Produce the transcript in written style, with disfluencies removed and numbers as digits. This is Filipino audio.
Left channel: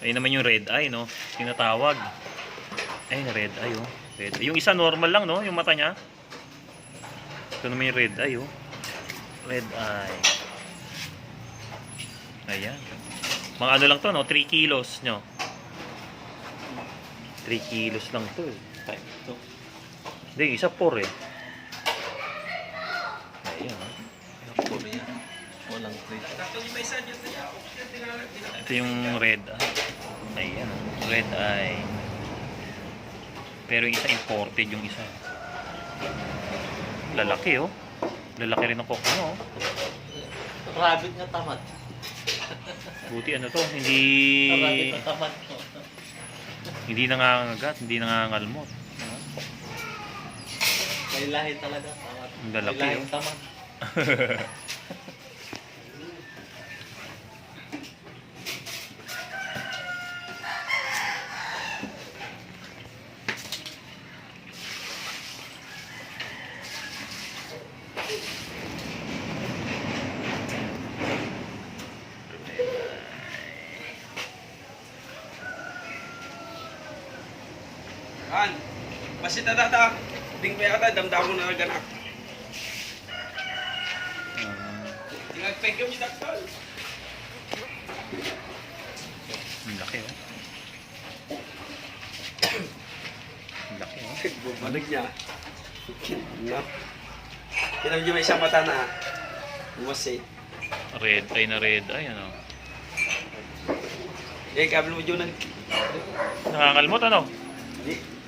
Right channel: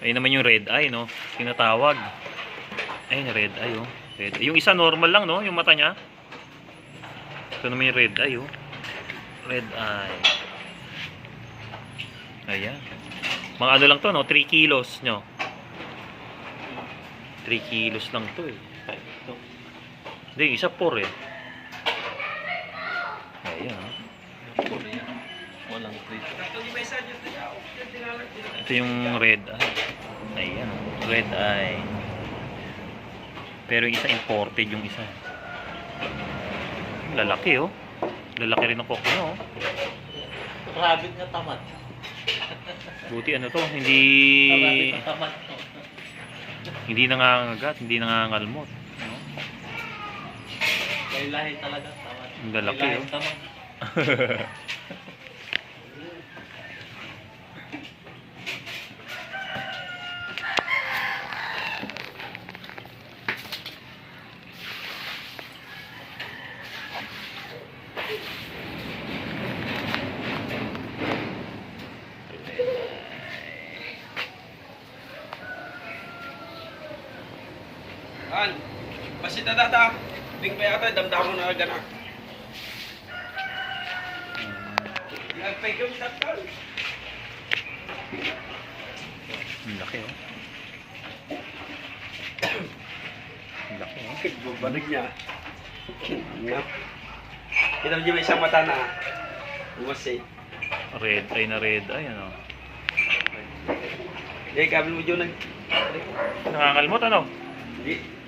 Ayun naman yung red eye, no? Tinatawag. Ayun, red eye, oh. Red eye. Yung isa normal lang, no? Yung mata niya. Ito naman yung red eye, oh. Red eye. Ayan. Mga ano lang to, no? 3 kilos, nyo. 3 kilos lang to, eh. Ito. Hindi, isa 4, eh. Ayan, oh. Walang prito. Ito yung red eye. Ayan, oh. Red eye. Pero yung isa imported yung isa. Lalaki, oh. Lalaki rin ang koko nyo, oh. Rabbit nga tamad. Buti ano to, hindi Rabbit na tamad. hindi nangangagat, hindi nangangalmot. No? May lahi talaga tamad. Ang lalaki, May oh. lahing tamad. Kan, masih tata bing pa yata damdamin na ganak. Tingnan pa yung daktal. Ang laki, oh. Ang laki, oh. Balik niya. Ngap. Kita mo may isang mata na. Umasi. Red eye na red eye, ano. Eh, kabel mo dyan. Nangangalmot, ano? Hindi.